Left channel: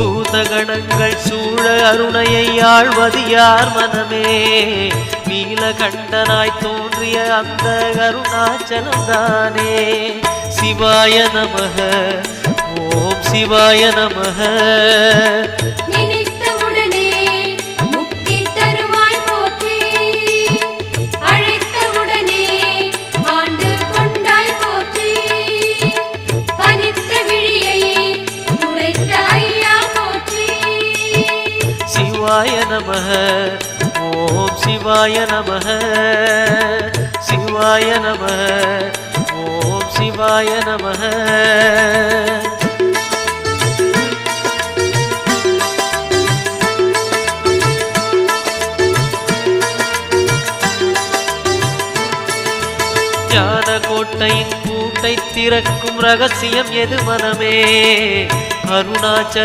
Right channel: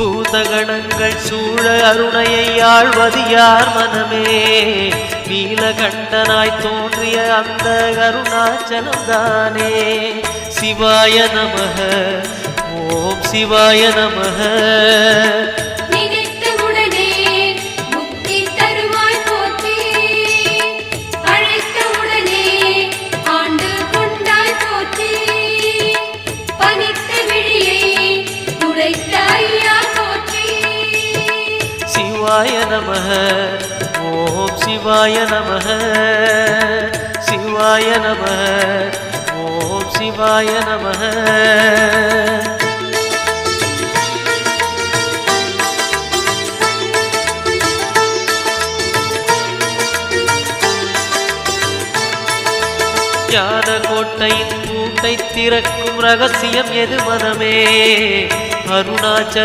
பூதகணங்கள் சூழ அருணையை ஆழ்வது யார் மனமே நீலகண்டனாய் தோன்றிய அந்த அருணாச்சலம்தானே சிவாய நமக ஓம் சிவாய நமக சிவாய நமக ஓம் சிவாய நமக சிவாய நமக ஓம் சிவாய நமக ஞான கோட்டையின் பூட்டை திறக்கும் ரகசியம் எது மனமே அருணாச்சல